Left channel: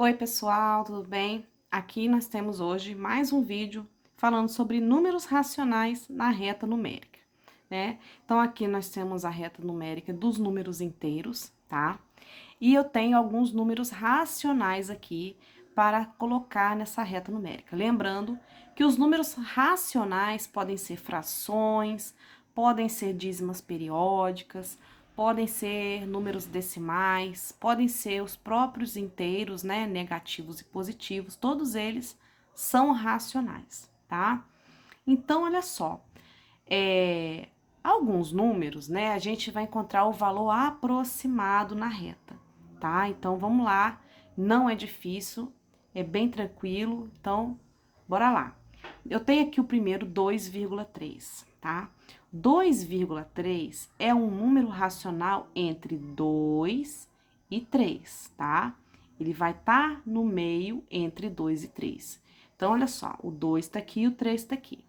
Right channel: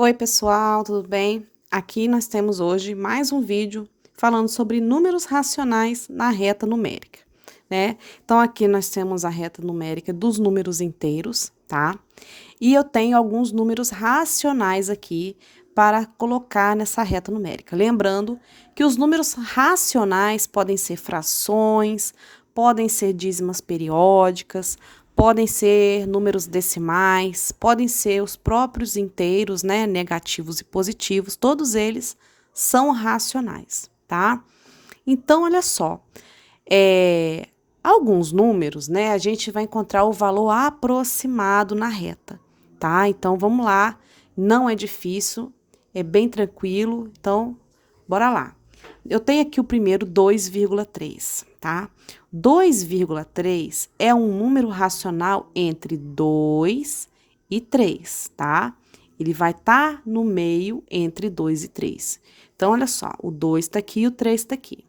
Oi, pessoal, tudo bem? Aqui nós temos hoje mais um vídeo falando sobre números racionais na reta numérica, né? Então, aqui nós temos a reta numérica dos números inteiros, tá? E eu tenho alguns números racionais aqui para colocar nessa reta numérica. Lembrando que os números racionais podem ser frações, podem ser dízimas periódicas, podem ser números decimais, podem ser os próprios inteiros, né, negativos e positivos, todos eles são racionais, tá? Então, olha só, alguns números, né, a gente vai encontrar o valor aproximado na reta, tá? Então, vamos lá, não é difícil, é bem tranquilo, então, bora lá. Eu tenho aqui o primeiro 2,3, tá? 2,3 é um número racional entre 2 e 3, tá? Ele vai estar no meio entre 2 e 3. Então, olha só, o 2 está aqui e o 3 está aqui.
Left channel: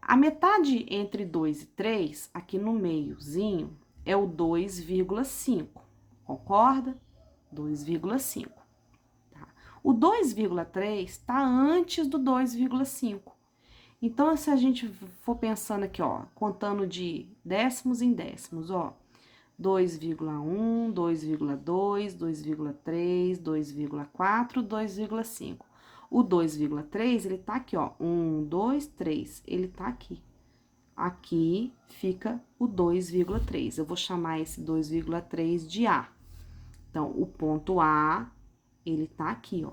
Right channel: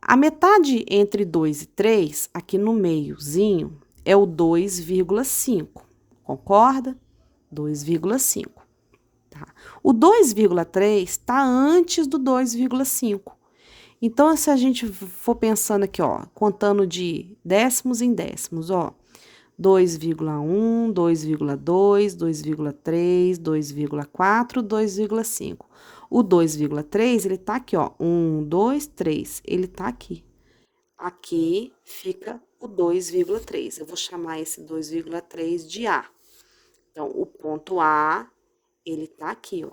A metade entre 2 e 3, aqui no meiozinho, é o 2,5. Concorda? 2,5. Tá? O 2,3 está antes do 2,5. Então, se a gente for pensando aqui, ó, contando de décimos em décimos, ó, 2,1, 2,2, 2,3, 2,4, 2,5. O 2,3, ele tá aqui, ó, 1, 2, 3, ele tá aqui. Aqui fica o 2,3. Eu vou chamar esse 2,3 de A. Então, o ponto A, ele tá aqui, ó.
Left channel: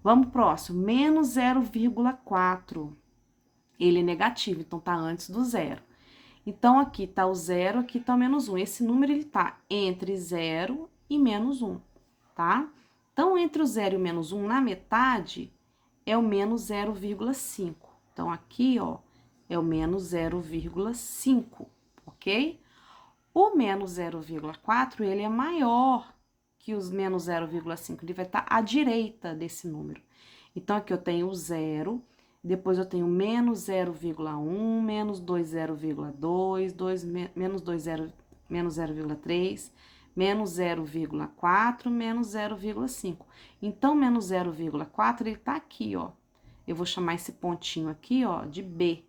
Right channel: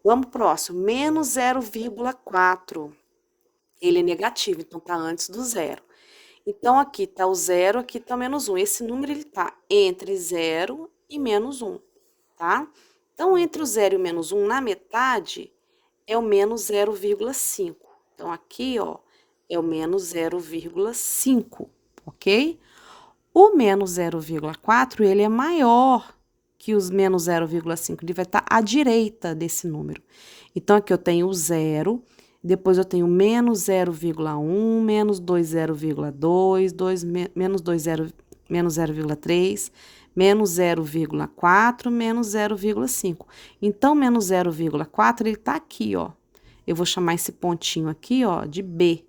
Vamos pro próximo, menos 0,4. Ele é negativo, então tá antes do zero. Então, aqui tá o zero, aqui tá o menos 1. Esse número, ele tá entre 0 e menos 1, tá? Então, entre o 0 e o menos 1, na metade, é o menos 0,5. Então, aqui, ó, é o menos 0,5, ok? O menos 0,4, ele é maior que os menos 0,5, ele vai estar à direita desse número. Então, aqui eu tenho o zero, depois eu tenho menos 0,1, menos 2,0,2, menos 20, menos 0,3, menos 0,4, menos 0,5. Então, menos 0,4, ele tá aqui, ó. Eu vou chamar esse pontinho aqui, ó, de B,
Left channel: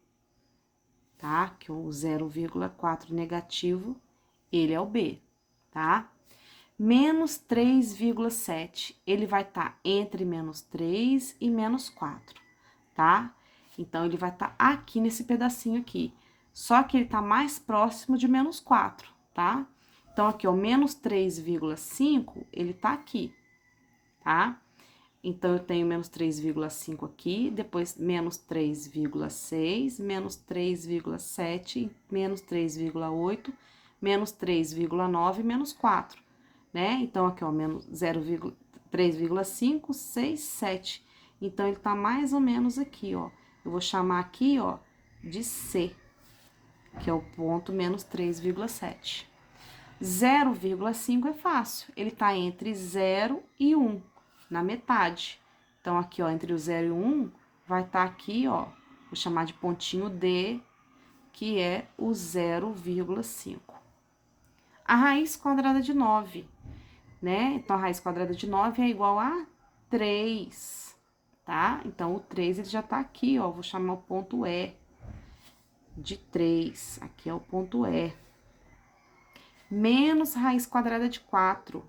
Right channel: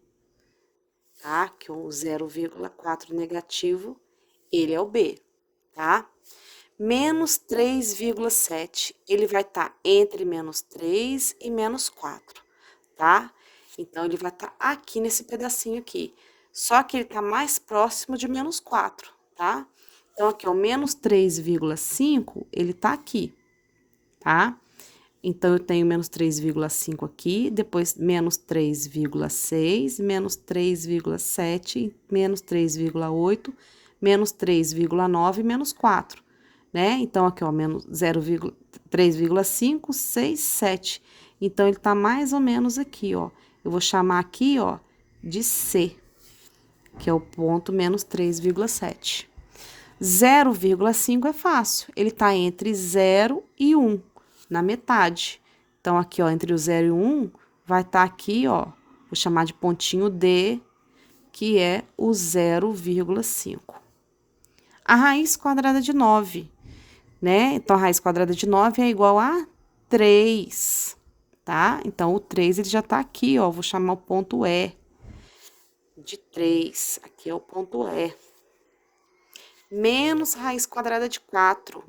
tá? Que o 0,4 negativo, ele é o B, tá? Menos 3,7, ele vai estar entre menos 3 e menos 4, tá? Então, ele vai estar aqui nesse pedacinho aqui. Só que ele tá mais próximo de menos 4, tá? Então, aqui, ó, menos 3,5, ele tá aqui, tá? Então, eu tenho menos 3,5 aqui, depois menos 3,6, menos 3,7, menos 3,8, menos 3,9, menos 4, né? Então, aqui, ó, menos 3,5, 6, 7. Então, ele tá mais ou menos aqui, ó. Eu vou chamar aqui, ó, de C, que é o ponto menos 3,7. 0,5 é fácil, ele tá entre 0 e 1, na metade. Então, aqui, ó, entre o 0 e o 1, vai estar aqui, ó, vou chamar de pontinho D, que é o 0,5. A raiz quadrada de 9, né? Então, a raiz quadrada de 9 é igual a 3, tá? Então, o 3, ele já tá aqui, ó, vou chamar o ponto E de 3. Aqui é o ponto E. Menos raiz quadrada de 4.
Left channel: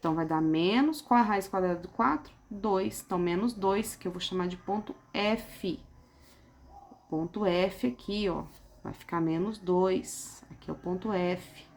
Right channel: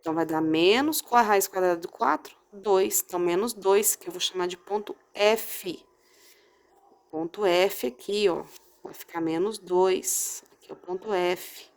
Então, vai dar menos, qual a raiz quadrada de 4? 2. Então, menos 2, que eu vou chamar de ponto F. Ponto F aqui, ó, vai ficar menos 2. Aqui é o ponto F.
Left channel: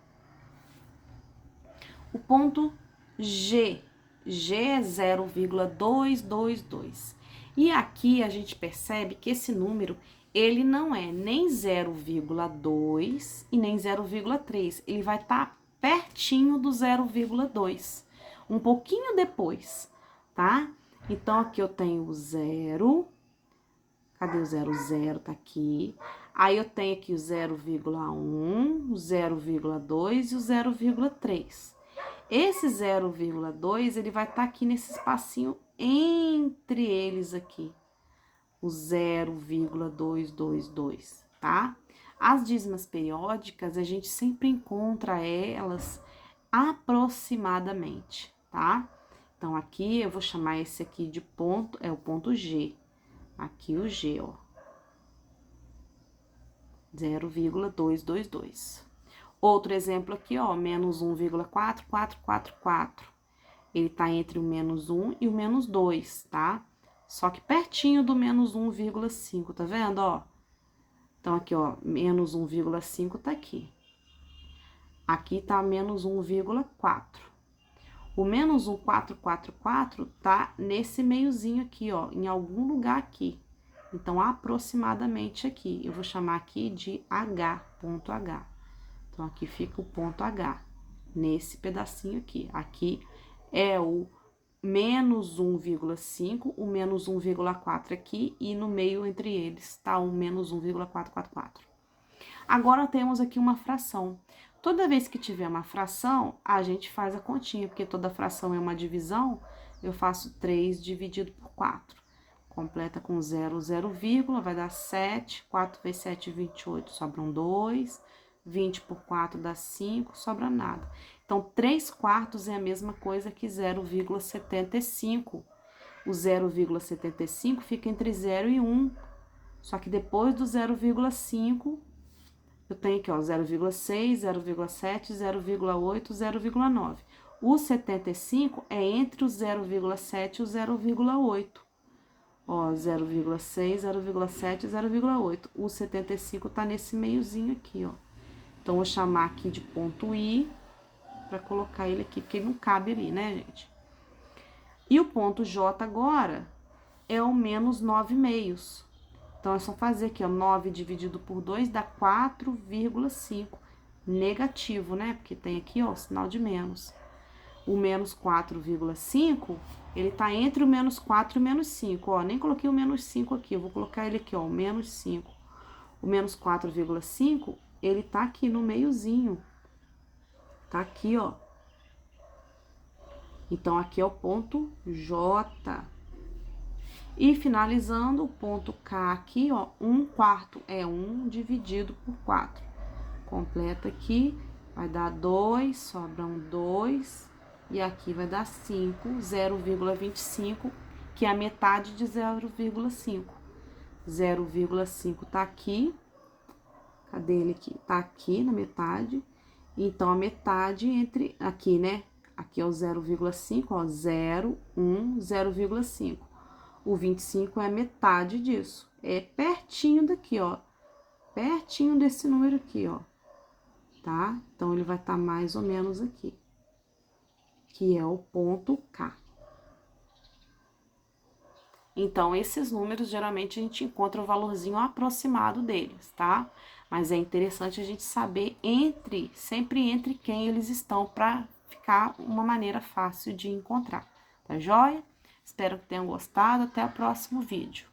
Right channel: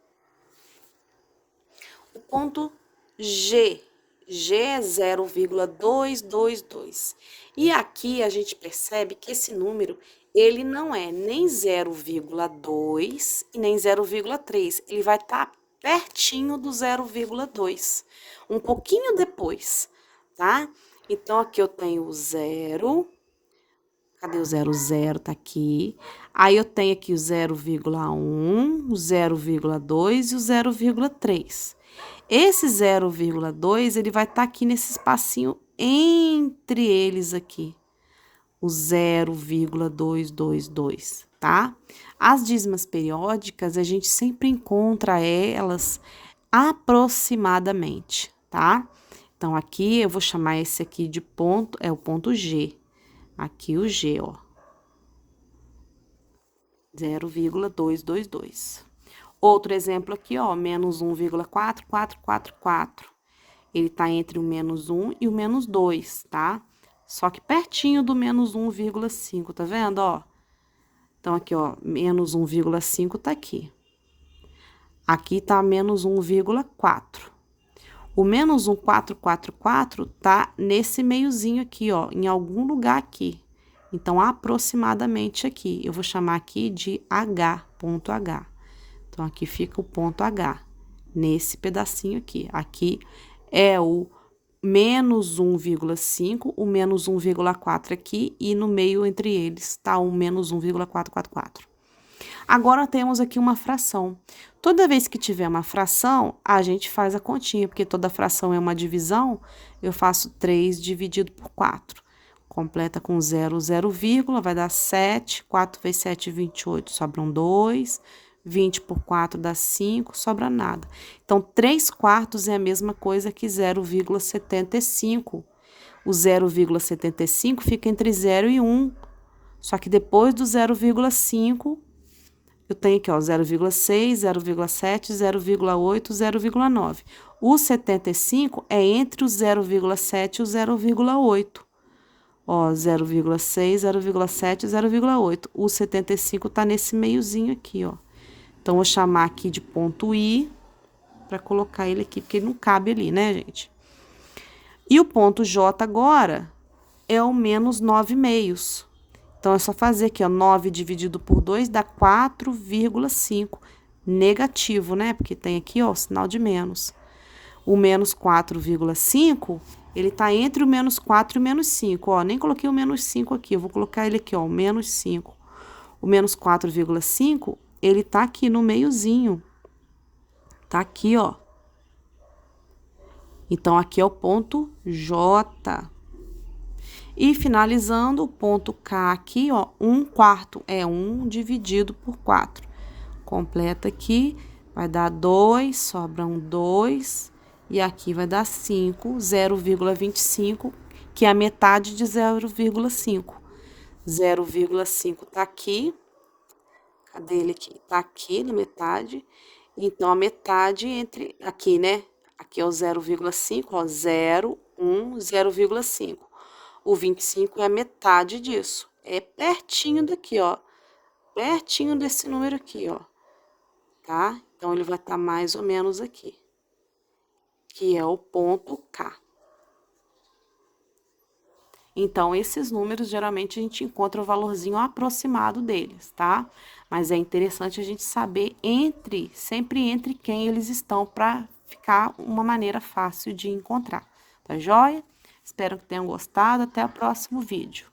O ponto G. G é 0,222. E aqui a gente percebe que esse número, ele não é nem 0,2 e nem 0,3. Ele vai estar pertinho do 0,2, um pouquinho depois, tá? Então, aqui eu tenho o 0. Cadê o 0? 0 tá aqui. Aí, eu tenho aqui o 0,1, o 0,2 e o 0,3. Esse 0,2, ele vai estar aqui nesse espacinho entre eles aqui. O 0,222, tá? As dízimas periódicas, a gente sempre encontra elas aproximadamente, tá? Então, aqui eu vou chamar esse aqui de ponto, é o ponto G. Aqui o G, ó. 0,222. Outro exemplo aqui, ó, menos 1,4444. Ele tá entre o menos 1 e o menos 2, tá? Só que pertinho do menos 1,5, tá vendo, ó? Então, aqui, ó, menos 1,5 tá aqui. Aqui tá menos 1,4. O menos 1,444 tá nesse meiozinho aqui, ó, em algum lugar aqui. Então, aproximadamente aqui. Eu vou chamar aqui de H, ponto H. Então, aqui fica o ponto H, nesse pedacinho aqui. Aqui é o menos 1,5, o menos 1,4 aqui, e no meio entre eles tá o menos 1,444. Agora, temos aqui uma fração. Toda vez que tiver uma fração, a gente faz a continha, porque toda fração é uma divisão, eu faço 3 dividido por 4. Completa com 0, 0, vírgula, vai dar 7, 4 vezes 7, 28, sobram 2, 20 por 4 dá 5, sobra nada. Então, 3/4 é a mesma coisa que 0,75. O 0,75 fica entre 0 e 1, só que depois do 0,5, eu tenho aqui, ó, 0,6, 0,7, 0,8, 0,9. O 75 é entre o 0,7 e o 0,8. Ó, 0,6, 0,7, 0,8. O 75 tá nesse meiozinho aqui, ó. Então, vou chamar aqui de ponto I, para colocar ele aqui, porque ele não cabe ali, né, gente? E o ponto J agora é o menos 9/2. Então, é só fazer aqui, ó, 9 dividido por 2 dá 4,5. Negativo, né? Porque tem aqui, ó, o sinal de menos. O menos 4,5, ele tá entre o menos 4 e o menos 5, ó. Nem coloquei o menos 5 aqui, eu vou colocar ele aqui, ó, o menos 5. O menos 4,5, ele tá aqui no meiozinho. Tá aqui, ó. Então, aqui é o ponto J. E finalizando, o ponto K aqui, ó, 1/4 é 1 dividido por 4. Completa aqui, vai dar 2, sobram 2, e aqui vai dar 5, 0,25, que é a metade de 0,5. 0,5 tá aqui, cadê ele aqui? Tá aqui na metade, então a metade entre, aqui, né? Aqui é o 0,5, ó, 0, 1, 0,5. O 25 é a metade disso. É pertinho daqui, ó. Pertinho desse número aqui, ó. Tá? Então, ele vai estar mais ou menos aqui. Que é o ponto K. Então, esses números, geralmente, a gente encontra o valorzinho aproximado deles, tá? Mas é interessante a gente saber sempre entre quem eles estão, para ficar uma maneira fácil de encontrar. Tá joia? Espero que tenham gostado. Até o próximo vídeo.